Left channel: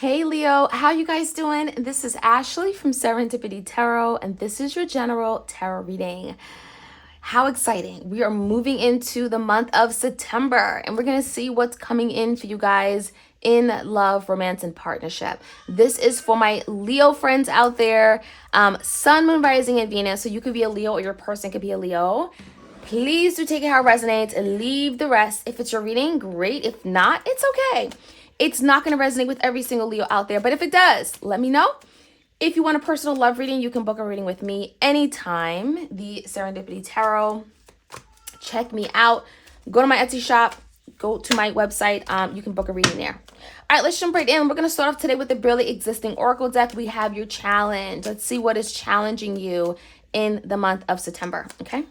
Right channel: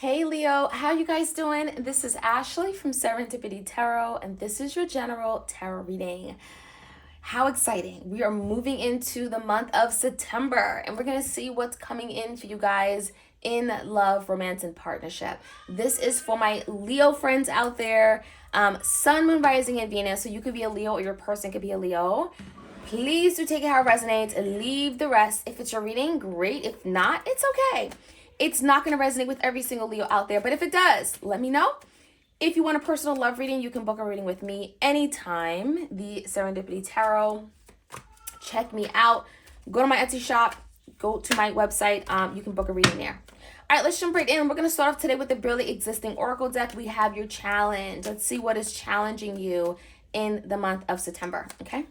Hey Leo, how you guys doing? This is Ashley from Serendipity Tarot, and this is your general tarot reading. How exciting. We are moving into the month of September, and we're going to see what's coming in for you guys in love, romance, and partnership. This is for my Leo friends out there, Sun, Moon, Rising, and Venus. So you could be a Leo or your person could be a Leo. Please do take it how it resonates and leave the rest. If it's your reading, great. If not, it's okay. It's not going to resonate with every single Leo out there, but if it does, let me know. If you want a personal love reading, you can book a reading with me anytime. The Serendipity Tarot. Check me out. Go to my Etsy shop. Go to my website. You can book a reading there. All right, let's jump right in. We're going to start off today with the Brilliant Existing Oracle deck. We have your challenge. Let's see what is challenging you in the month of September, okay?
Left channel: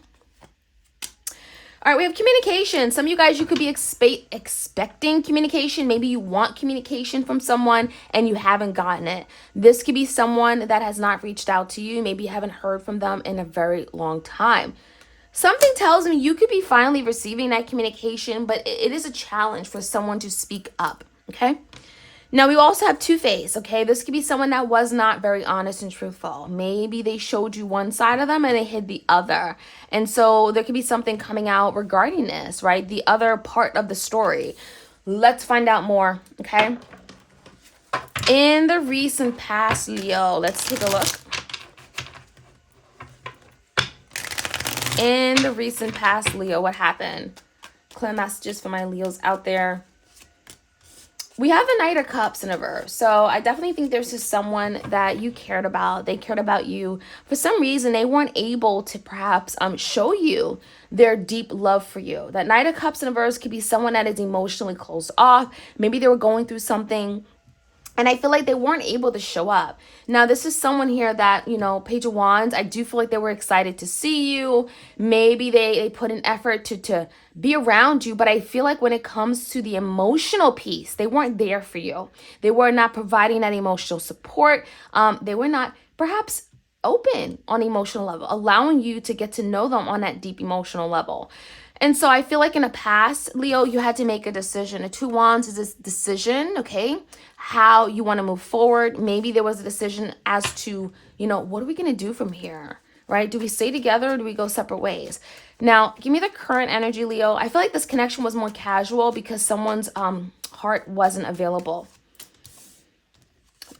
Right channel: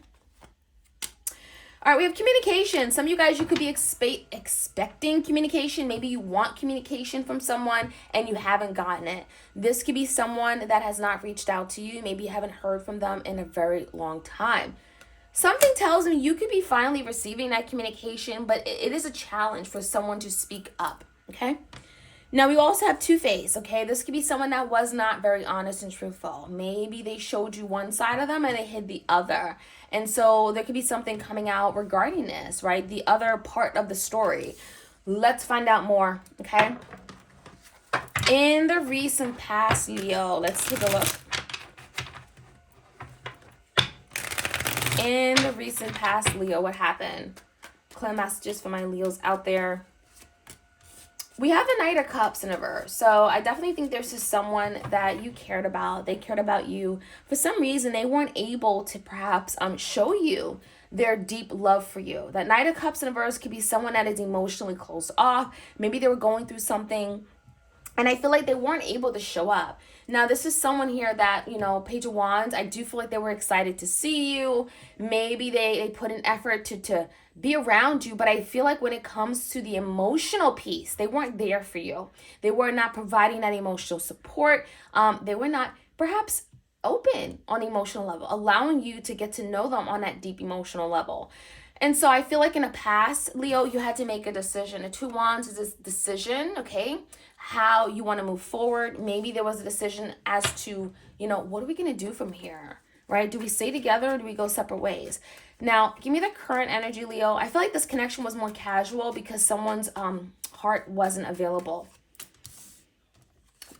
All right, we have communication. Some of you guys, you could be expecting communication. Maybe you want communication from someone and you haven't gotten it. This could be someone that has not reached out to you. Maybe you haven't heard from them in a very long time. Something tells me you could be finally receiving that communication, but it is a challenge for someone to speak up, okay? Now, we also have two-faced, okay? This could be someone that was not very honest and truthful. Maybe they showed you one side of them and they hid the other. And so there could be something coming out regarding this, right? The other part of the story. Let's find out more, okay? In the recent past, Leo, let's take a look. In the recent past, Leo, what happened? Clear messages for my Leos out there. We have the Knight of Cups in reverse. So I definitely think there's just someone that you cared about. They cared about you. For some reason, they weren't able to perhaps show you their deep love for you. That Knight of Cups in reverse could be someone that is emotionally closed off. Maybe they were going through something and I feel like they weren't able to show up. Now, this is someone here that, you know, Page of Wands, I do feel like they were excited to see you. Maybe they put an effort to be around you. But I feel like when it comes to the emotional piece, they weren't there for you. They were not providing that emotional support. They were not perhaps open on emotional level, allowing you to get to know them on that deep emotional level. And so I feel like in the past, Leo, you had to make a decision. A Two Wands is this decision, okay? How you want to move forward. Maybe there was a decision as to, you know, what are we going to do from here, right? Do we stay together or do we go separate ways? Now, give me the current energy, Leo. I feel like this connection was more casual because someone's heart wasn't available.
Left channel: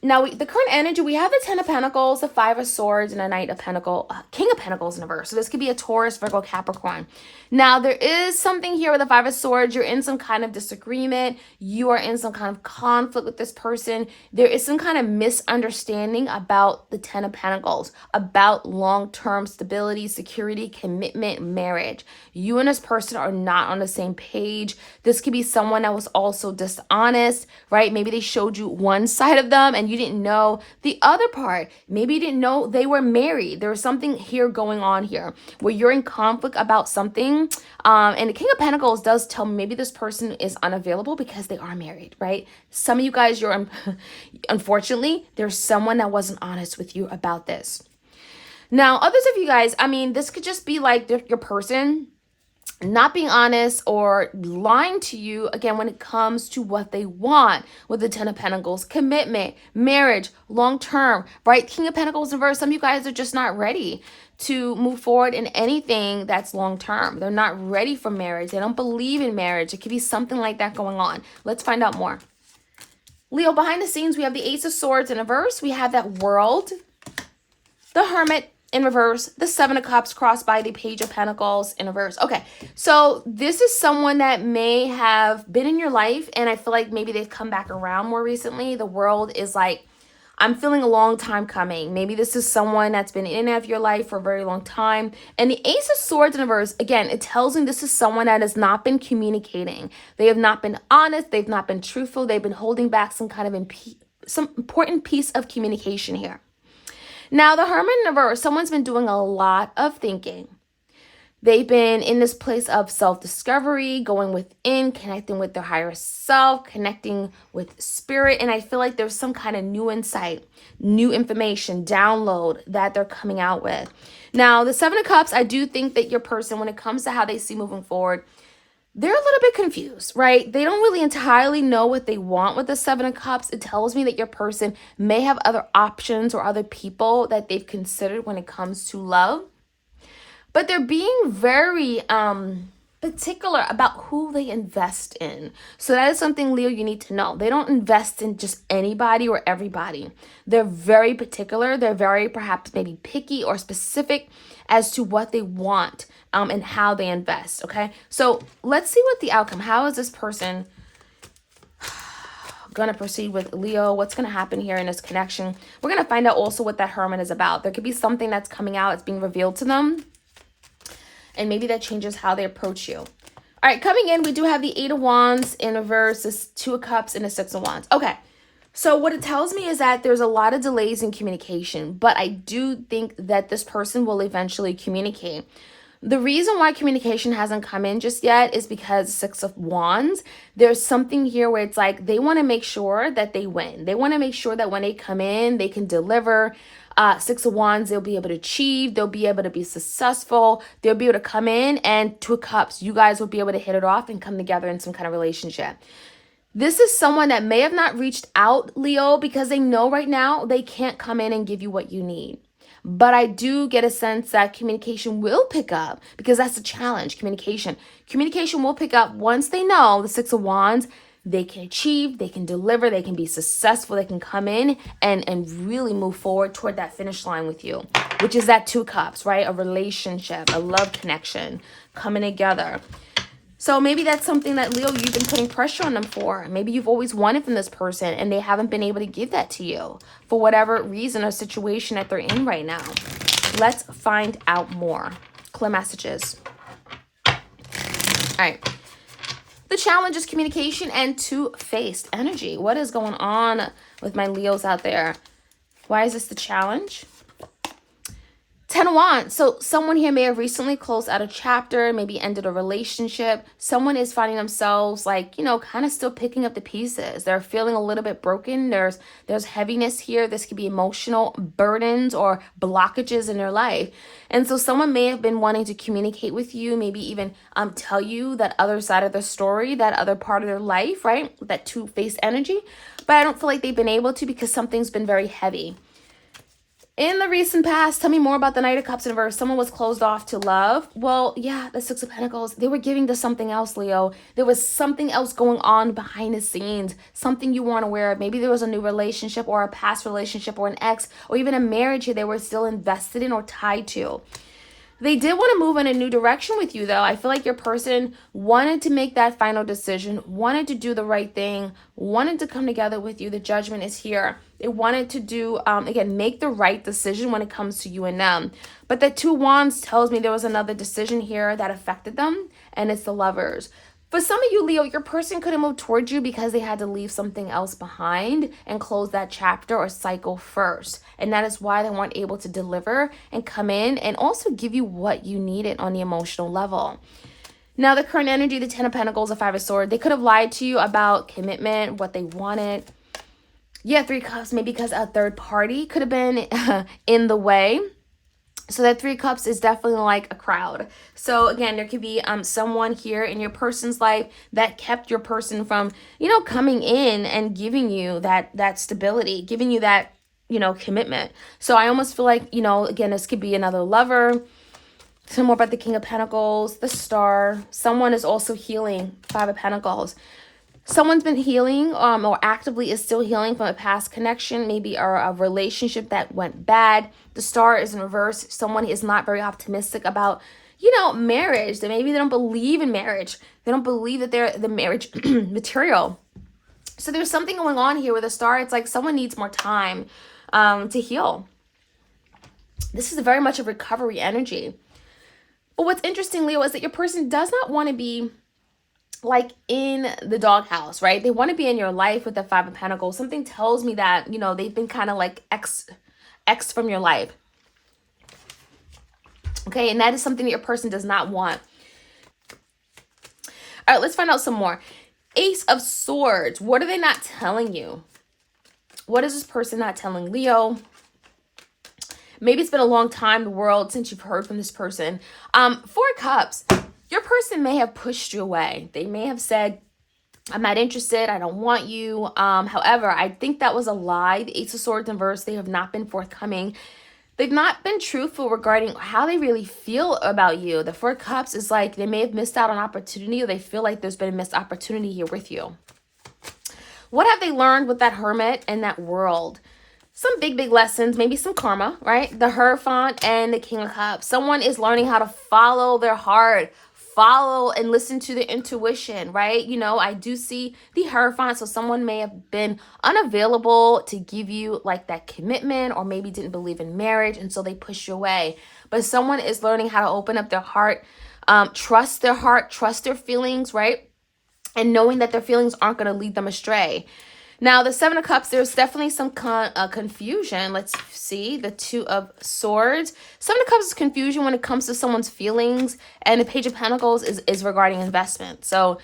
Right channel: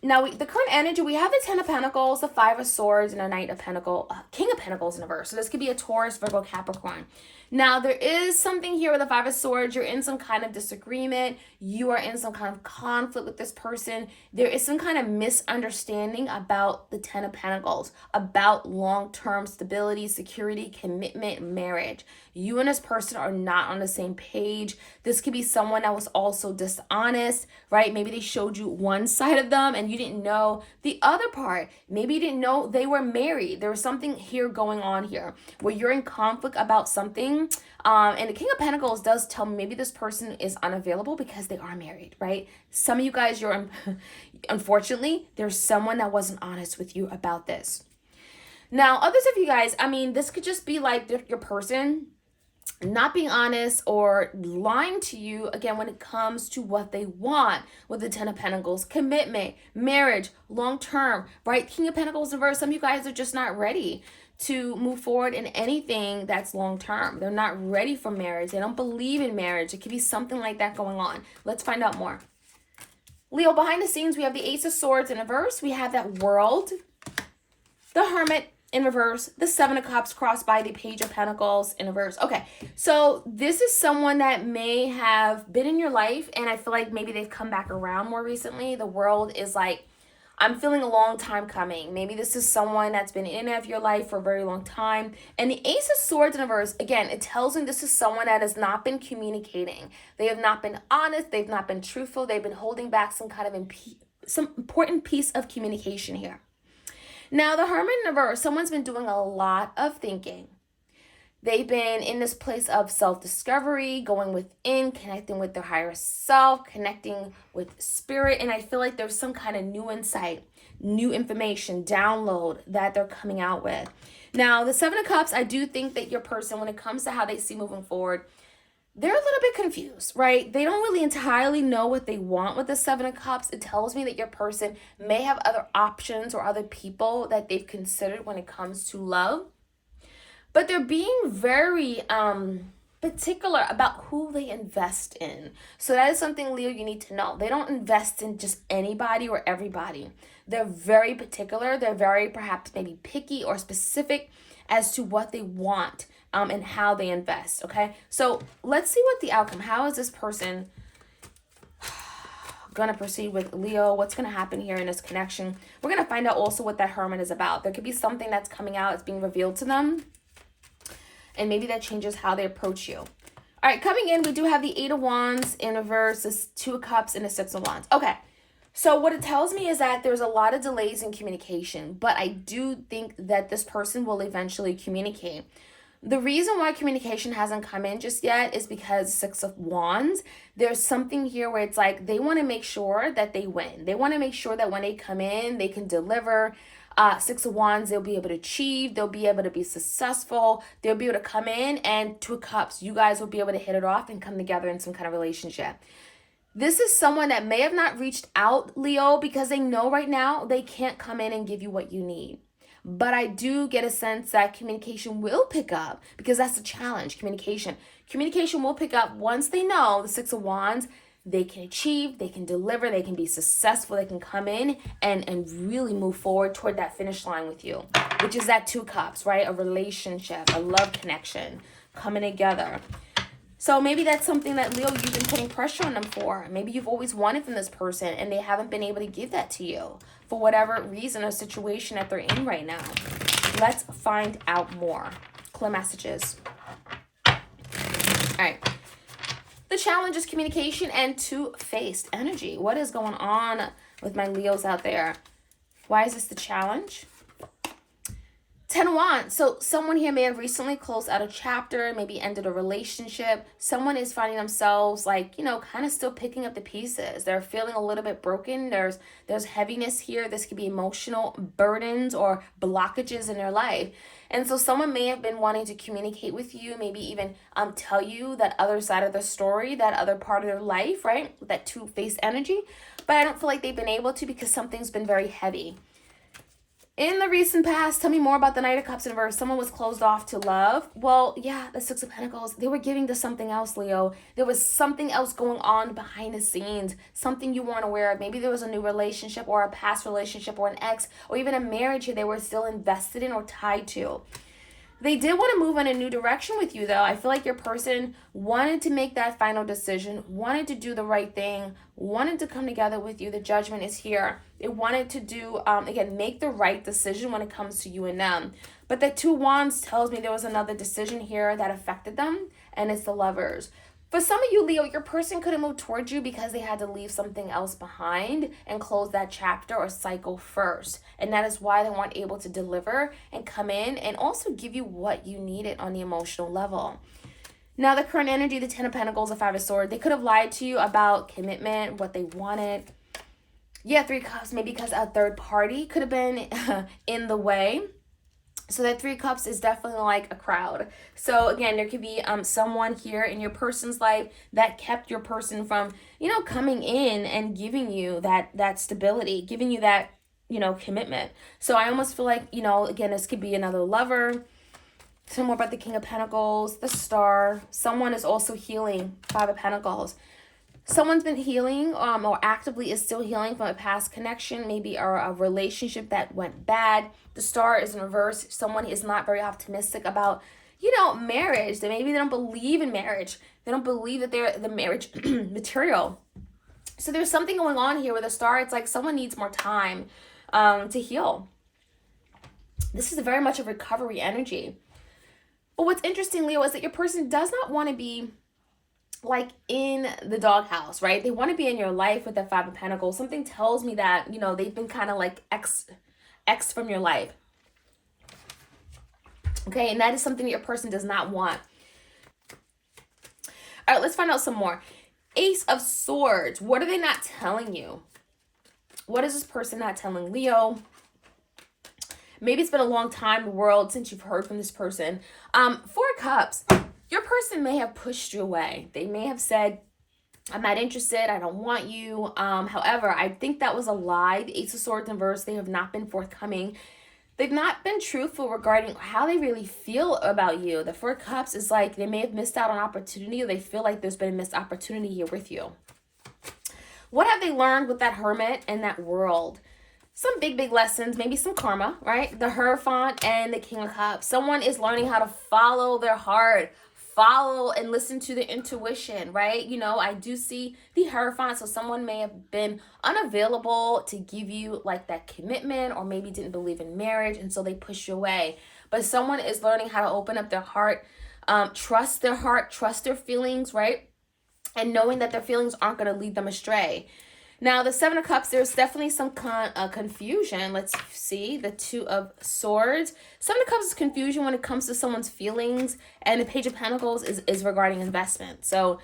Now, the current energy, we have the Ten of Pentacles, the Five of Swords, and a Knight of Pentacles, King of Pentacles in reverse. So this could be a Taurus, Virgo, Capricorn. Now, there is something here with the Five of Swords. You're in some kind of disagreement. You are in some kind of conflict with this person. There is some kind of misunderstanding about the Ten of Pentacles, about long-term stability, security, commitment, marriage. You and this person are not on the same page. This could be someone that was also dishonest, right? Maybe they showed you one side of them and you didn't know the other part. Maybe you didn't know they were married. There was something here going on here where you're in conflict about something. And the King of Pentacles does tell me maybe this person is unavailable because they are married, right? Some of you guys, unfortunately, there's someone that wasn't honest with you about this. Now, others of you guys, I mean, this could just be like your person not being honest or lying to you, again, when it comes to what they want with the Ten of Pentacles, commitment, marriage, long-term, right? King of Pentacles in reverse, some of you guys are just not ready to move forward in anything that's long-term. They're not ready for marriage. They don't believe in marriage. It could be something like that going on. Let's find out more. Leo, behind the scenes, we have the Ace of Swords in reverse. We have that World, the Hermit, in reverse, the Seven of Cups crossed by the Page of Pentacles in reverse. Okay, so this is someone that may have been in your life, and I feel like maybe they've come back around more recently. The World is like, I'm feeling a long time coming. Maybe this is someone that's been in and out of your life for a very long time. And the Ace of Swords in reverse, again, it tells me this is someone that has not been communicating. They have not been honest. They've not been truthful. They've been holding back some kind of some important piece of communication here. Now, the Hermit in reverse, someone's been doing a lot of thinking. They've been in this place of self-discovery, going within, connecting with their higher self, connecting with spirit. And I feel like there's some kind of new insight, new information, download that they're coming out with. Now, the Seven of Cups, I do think that your person, when it comes to how they see moving forward, they're a little bit confused, right? They don't really entirely know what they want with the Seven of Cups. It tells me that your person may have other options or other people that they've considered when it comes to love. But they're being very particular about who they invest in. So that is something, Leo, you need to know. They don't invest in just anybody or everybody. They're very particular. They're very perhaps maybe picky or specific as to what they want and how they invest. Okay, so let's see what the outcome. How is this person gonna proceed with Leo? What's gonna happen here in this connection? We're gonna find out also what that Hermit is about. There could be something that's coming out, it's being revealed to them, and maybe that changes how they approach you. All right, coming in, we do have the Eight of Wands in reverse, this Two of Cups, and the Six of Wands. Okay, so what it tells me is that there's a lot of delays in communication, but I do think that this person will eventually communicate. The reason why communication hasn't come in just yet is because Six of Wands, there's something here where it's like they want to make sure that they win. They want to make sure that when they come in, they can deliver. Six of Wands, they'll be able to achieve. They'll be able to be successful. They'll be able to come in, and Two of Cups, you guys will be able to hit it off and come together in some kind of relationship. This is someone that may have not reached out, Leo, because they know right now they can't come in and give you what you need. But I do get a sense that communication will pick up, because that's the challenge, communication. Communication will pick up once they know the Six of Wands, they can achieve, they can deliver, they can be successful, they can come in and really move forward toward that finish line with you, which is that Two Cups, right? A relationship, a love connection coming together. So maybe that's something that, Leo, you've been putting pressure on them for. Maybe you've always wanted from this person and they haven't been able to give that to you for whatever reason or situation that they're in right now. Let's find out more. Clear messages. All right. The challenge is communication and two-faced energy. What is going on with my Leos out there? Why is this the challenge? 10 of Wands. So someone here may have recently closed out a chapter, maybe ended a relationship. Someone is finding themselves like, you know, kind of still picking up the pieces. They're feeling a little bit broken. There's heaviness here. This could be emotional burdens or blockages in their life. And so someone may have been wanting to communicate with you, maybe even tell you that other side of the story, that other part of their life, right? That two-faced energy. But I don't feel like they've been able to because something's been very heavy. In the recent past, tell me more about the Knight of Cups in reverse. Someone was closed off to love. Well, yeah, the Six of Pentacles, they were giving to something else, Leo. There was something else going on behind the scenes, something you weren't aware of. Maybe there was a new relationship or a past relationship or an ex or even a marriage here they were still invested in or tied to. They did want to move in a new direction with you, though. I feel like your person wanted to make that final decision, wanted to do the right thing, wanted to come together with you. The judgment is here. They wanted to do, again, make the right decision when it comes to you and them. But the Two Wands tells me there was another decision here that affected them, and it's the Lovers. For some of you, Leo, your person couldn't move towards you because they had to leave something else behind and close that chapter or cycle first. And that is why they weren't able to deliver and come in and also give you what you needed on the emotional level. Now, the current energy, the Ten of Pentacles, the Five of Swords, they could have lied to you about commitment, what they wanted. Yeah, Three of Cups, maybe because a third party could have been in the way. So that Three of Cups is definitely like a crowd. So again, there could be someone here in your person's life that kept your person from, you know, coming in and giving you that stability, giving you that, you know, commitment. So I almost feel like, you know, again, this could be another lover. Some more about the King of Pentacles, the Star. Someone is also healing, Five of Pentacles. Someone's been healing or actively is still healing from a past connection, maybe a relationship that went bad. The Star is in reverse. Someone is not very optimistic about, you know, marriage. That maybe they don't believe in marriage. They don't believe that they're the marriage material. So there's something going on here with the Star. It's like someone needs more time to heal. This is very much a recovery energy. But what's interesting, Leo, is that your person does not want to be like in the doghouse, right? They want to be in your life with the Five of Pentacles. Something tells me that, you know, they've been kind of like X from your life. Okay, and that is something that your person does not want. All right, let's find out some more. Ace of Swords. What are they not telling you? What is this person not telling Leo? Maybe it's been a long time, the world, since you've heard from this person. Four of Cups. Your person may have pushed you away. They may have said, I'm not interested. I don't want you. However, I think that was a lie. The Ace of Swords in reverse, they have not been forthcoming. They've not been truthful regarding how they really feel about you. The Four of Cups is like they may have missed out on opportunity, or they feel like there's been a missed opportunity here with you. What have they learned with that Hermit and that World? Some big lessons, maybe some karma, right? The Hierophant and the King of Cups. Someone is learning how to follow their heart, follow and listen to their intuition, right? You know, I do see the Hierophant, so someone may have been unavailable to give you like that commitment, or maybe didn't believe in marriage, and so they push you away. But someone is learning how to open up their heart, trust their heart, trust their feelings, right? And knowing that their feelings aren't going to lead them astray. Now, the Seven of Cups, there's definitely some confusion. Let's see. The Two of Swords. Seven of Cups is confusion when it comes to someone's feelings. And the Page of Pentacles is regarding investment. So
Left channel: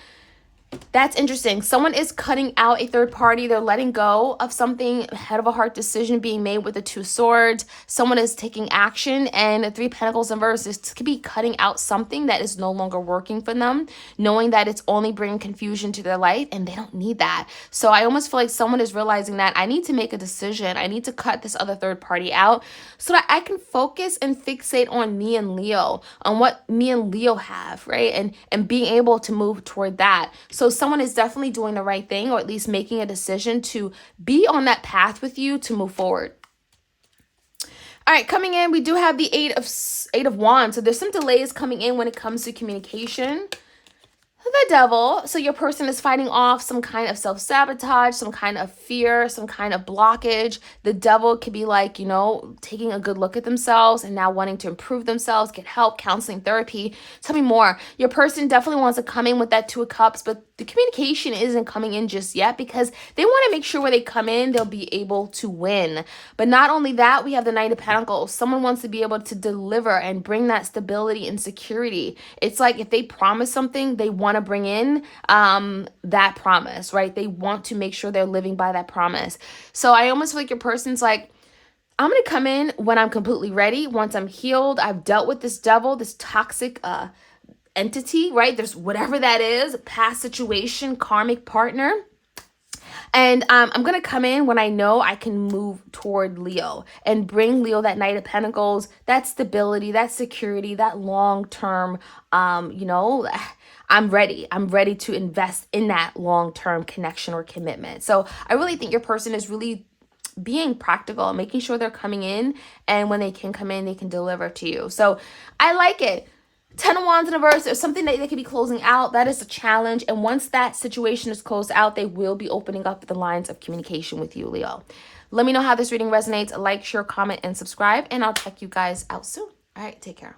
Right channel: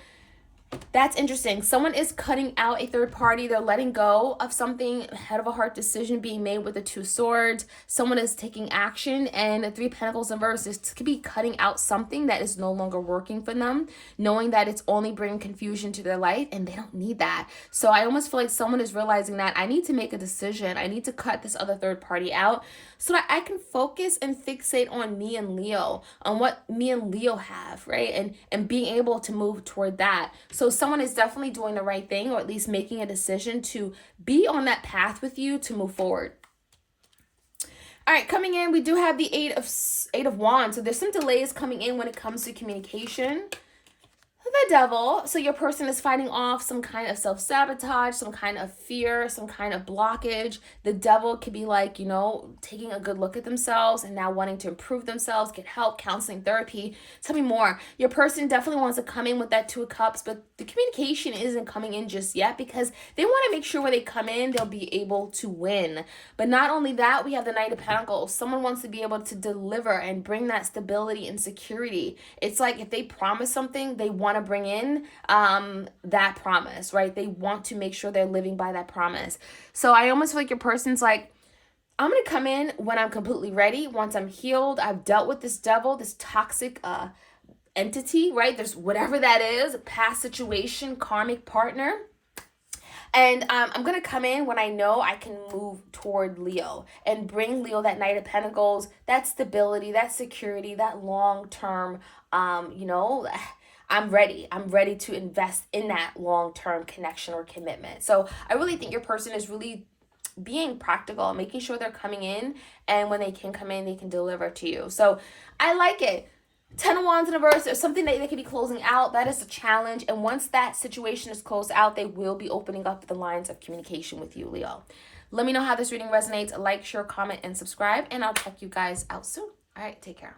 that's interesting. Someone is cutting out a third party. They're letting go of something, head of a heart decision being made with the Two of Swords. Someone is taking action, and the Three of Pentacles in reverse could be cutting out something that is no longer working for them, knowing that it's only bringing confusion to their life, and they don't need that. So I almost feel like someone is realizing that I need to make a decision. I need to cut this other third party out so that I can focus and fixate on me and Leo, on what me and Leo have, right? And being able to move toward that. So someone is definitely doing the right thing, or at least making a decision to be on that path with you to move forward. All right, coming in, we do have the Eight of Wands. So there's some delays coming in when it comes to communication. The Devil. So your person is fighting off some kind of self-sabotage, some kind of fear, some kind of blockage. The Devil could be like, you know, taking a good look at themselves and now wanting to improve themselves, get help, counseling, therapy. Tell me more. Your person definitely wants to come in with that Two of Cups, but the communication isn't coming in just yet because they want to make sure when they come in, they'll be able to win. But not only that, we have the Knight of Pentacles. Someone wants to be able to deliver and bring that stability and security. It's like if they promise something, they want to bring in that promise, right? They want to make sure they're living by that promise. So I almost feel like your person's like, I'm going to come in when I'm completely ready. Once I'm healed, I've dealt with this devil, this toxic entity, right? There's whatever that is, past situation, karmic partner. And I'm going to come in when I know I can move toward Leo and bring Leo that Knight of Pentacles, that stability, that security, that long-term, you know, I'm ready. I'm ready to invest in that long-term connection or commitment. So I really think your person is really being practical, making sure they're coming in, and when they can come in, they can deliver to you. So I like it. 10 of Wands in reverse, there's something that they could be closing out. That is a challenge. And once that situation is closed out, they will be opening up the lines of communication with you, Leo. Let me know how this reading resonates. Like, share, comment, and subscribe. And I'll check you guys out soon. All right, take care.